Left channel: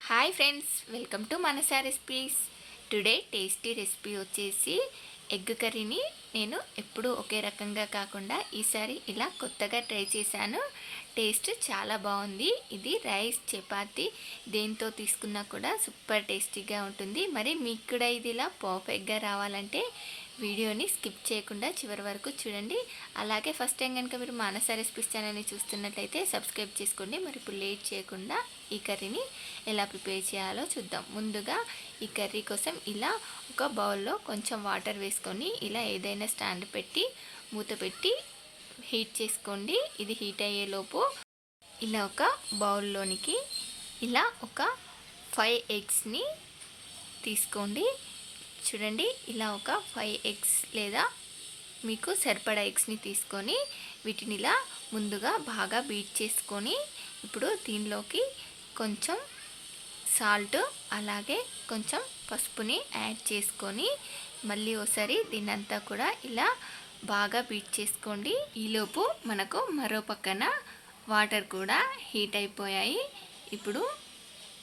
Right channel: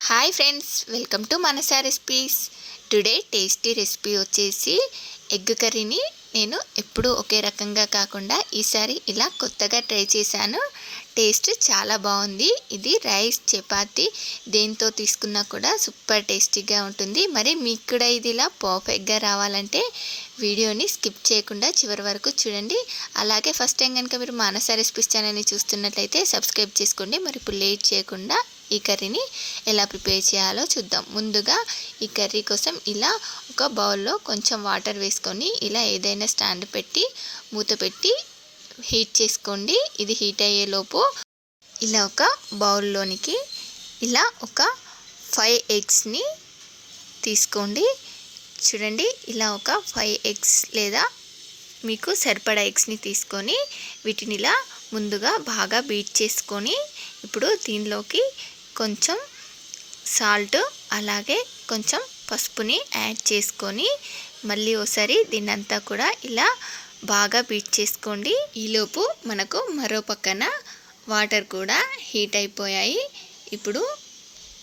Hi friends welcome to Manasa recipes today tasty recipe వచ్చేసి egg కర్రీని నేను ఎప్పుడూ ఒకే రకంగా కాకుండా ఈసారి ఇలా కొత్తగా ట్రై చేశాను. టేస్ట్ చాలా బాగుంది. ఇది రైస్ చపాతి దేంతో తీసుకున్నా కూడా సూపర్ టేస్టీగా ఉంటుంది. మరి మీకు కూడా ఇది ఇలా పర్ఫెక్ట్గా రావాలంటే వీడియోని స్కిప్ చేయకుండా చివరి వరకు చూడండి. అలాగే ఫస్ట్ టైం కనుక మీరు మానస రెసిపీస్ ఛానల్ని చూస్తున్నట్లయితే సబ్స్క్రైబ్ చేసుకోండి. మరి ఇప్పుడు లేట్ చేయకుండా ఈ కర్రీని ఎలా ప్రిపేర్ చేయాలో చూద్దాం. ముందుగా ఈ కర్రీ కోసం ఇలా ఒక బౌల్లో కొంచెం వాటర్ వేసుకొని ఇలా ఏదైనా స్టాండ్ పెట్టి మూత పెట్టి హీట్ చేసుకోండి. ఇది హీట్ అయ్యేలోపు ఇలా ఒక బౌల్లోనికి ఇలా ఒక ఫైవ్ ఎగ్స్ని తీసుకోండి. చూడండి ఇలా ఒక ఫైవ్ ఎగ్స్ లేదా మీకు సరిపడా ఎగ్స్ని తీసుకొని వీటిని ఇలా ముందుగా బాగా బీట్ చేసుకొని ఇప్పుడు దీనిలోకి కొంచెం సాల్ట్ అలాగే కొంచెం పసుపుని యాడ్ చేసుకొని మళ్ళీ ఒకసారి దీన్నంతా కూడా ఇలా బాగా బీట్ చేసుకోండి. ఈలోపు మనకు మరో పక్కన వాటర్ కూడా హీట్ అయిపోయాయి. ఇప్పుడు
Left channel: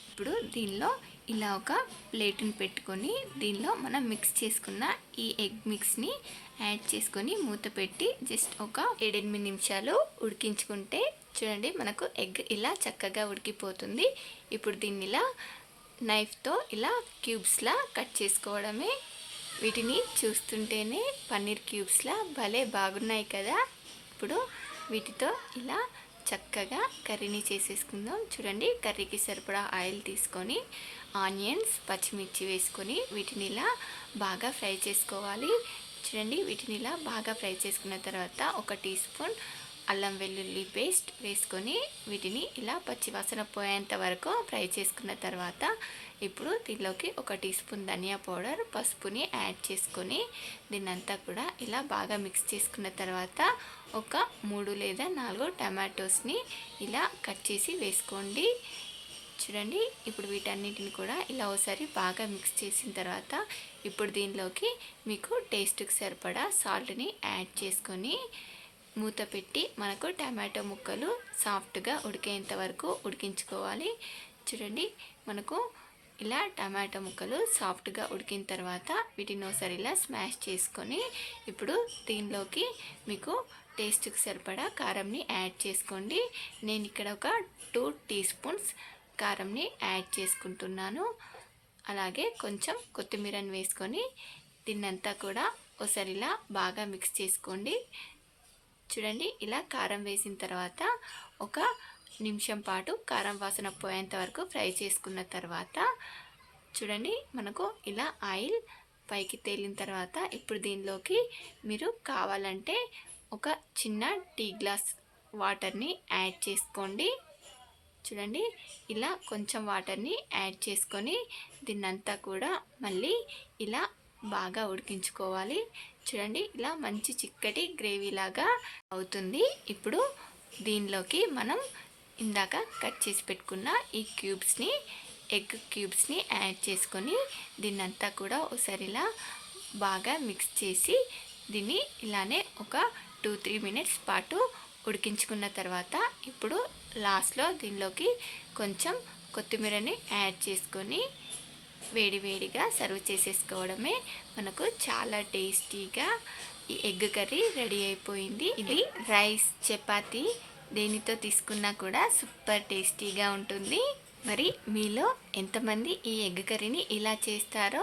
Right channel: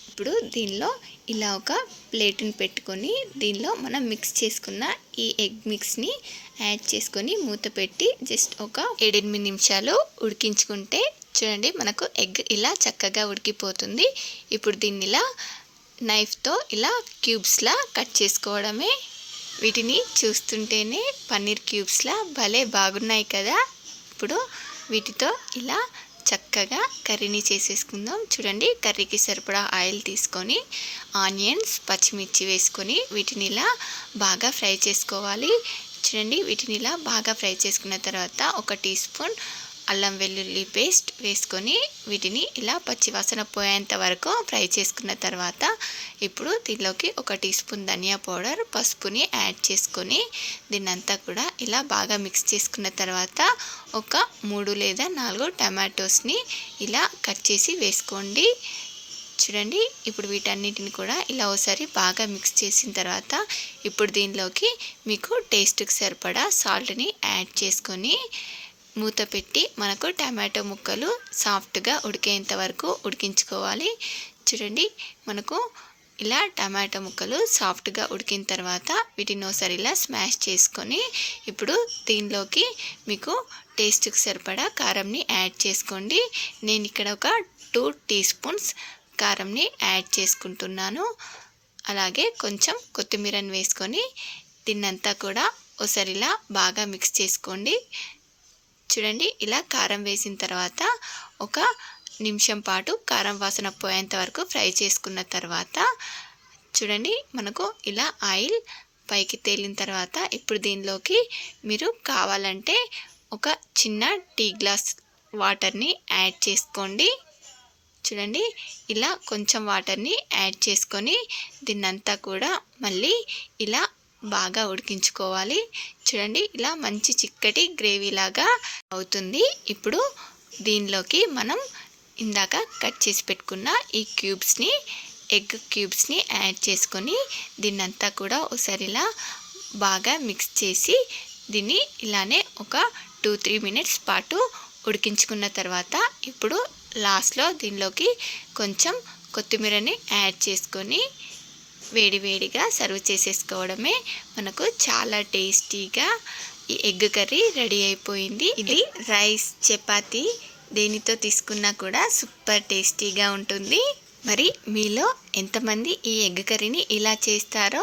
ఇప్పుడు దీనిలో ఇలా ఒక ప్లేట్ని పెట్టుకొని దీనిలో మనం మిక్స్ చేసుకున్న ఈ ఎగ్ మిక్స్ని యాడ్ చేసుకొని మూత పెట్టి జస్ట్ ఒక ఏడెనిమిది నిమిషాలు ఉడికించుకుంటే చూడండి మనకు ఎగ్ ఇలా చక్కగా ఉడికిపోతుంది. ఇప్పుడు దీన్ని ఇలా నైఫ్తో ఇలా క్యూబ్స్లా కట్ చేసుకోవడమే. వీటిని చూస్తుంటేనే పన్నీర్ క్యూబ్స్లా భలే బాగున్నాయి కదా. ఇప్పుడు వీటితో ఇలా చక్కగా కర్రీని చేసేసుకుందాం. చూడండి కర్రీకి సరిపడా ఆయిల్ తీసుకొని ఆనియన్స్ పచ్చిమిర్చి వేసుకొని వీటిని ఇలా బాగా ఫ్రై చేసుకోవాలి. చూడండి వీటిని ఇలా బాగా ఫ్రై చేసుకున్న తర్వాత ఒక టీ స్పూన్ అల్లం వెల్లుల్లి పేస్ట్ వేసుకొని వీటిని ఇలా పచ్చివాసన పోయేంత వరకు ఫ్రై చేసుకున్న తర్వాత ఇప్పుడు దీనిలోకి ఒక టీ స్పూన్ ధనియా పౌడర్ పసుపుని యాడ్ చేసుకొని దీన్నంతా కూడా ఇలా బాగా మిక్స్ చేసుకున్న తర్వాత ఒక మూడు లేదా నాలుగు టమాటోస్ని ఇలా కట్ చేసి వేసుకోండి. చూడండి ఇప్పుడు వీటన్నిటిని కూడా ఇలా ఒకసారి బాగా మిక్స్ చేసిన తర్వాత ఇప్పుడు దీనిలోకి మీకు టేస్ట్కి సరిపడా సాల్ట్ని యాడ్ చేసుకొని మూత పెట్టి మనకు టమాటో ముక్కలు సాఫ్ట్గా ఉడికేంత వరకు ఉడికించుకోవాలి. చూడండి మనకు ఇలా టమాటో ముక్కలు సాఫ్ట్గా ఉడికిన తర్వాత వీటిని ఒకసారి ఇలా స్మాష్ చేసుకొని ఇప్పుడు దీనిలోకి మీకు టేస్ట్కి సరిపడా కారంని యాడ్ చేసుకోండి. నేను ఇక్కడ ఒక టూ టీ స్పూన్స్ కారంని యాడ్ చేసుకుంటున్నాను. అలాగే కొంచెం కొత్తిమీరని వేసుకొని దీన్నంతా కూడా ఒకసారి ఇలా బాగా మిక్స్ చేసుకోండి. చూడండి ఇలా కారం వేసిన తర్వాత ఒక నిమిషం పాటు కారం వాసన పోయేంత వరకు ఫ్రై చేసుకున్న తర్వాత చూడండి మనకు ఇలా ఆయిల్ పైకి తేలిన తర్వాత ఇప్పుడు దీనిలోకి మీరు కావాలంటే ఒక చిన్న టీ గ్లాస్ వాటర్ని యాడ్ చేసుకోండి. చూడండి ఇలా కొంచెం వాటర్ని యాడ్ చేసుకొని దీన్నంతా కూడా మళ్ళీ ఇలా బాగా ఉడికించుకోవాలి. చూడండి ఇలా మంచి చిక్కటి గ్రేవీ లాగా అవుతుంది. ఇప్పుడు దీనిలోకి మనం ఇందాక కట్ చేసి పెట్టుకున్న ఈ క్యూబ్స్ని ఎగ్ క్యూబ్స్ని యాడ్ చేసుకొని దీన్నంతా కూడా ఒకసారి ఇలా బాగా మిక్స్ చేసి దీన్ని ఇలానే ఒక టూ త్రీ మినిట్స్ పాటు ఉడికించుకున్న తర్వాత ఇప్పుడు లాస్ట్లో దీనిలోకి కొంచెం కొత్తిమీరని యాడ్ చేసుకొని వేడివేడిగా సర్వ్ చేసేసుకోవడమే మనకు చాలా టేస్టీగా ఈ ఎగ్ కర్రీ రెడీ అయిపోయింది. ఇది రైస్ చపాతి దేనితో తీసుకున్నా కూడా సూపర్ టేస్టీగా ఉంటుంది. మరి మీలో ఎంతమంది ఈ ఎగ్ కర్రీని ఇలా చేస్తారో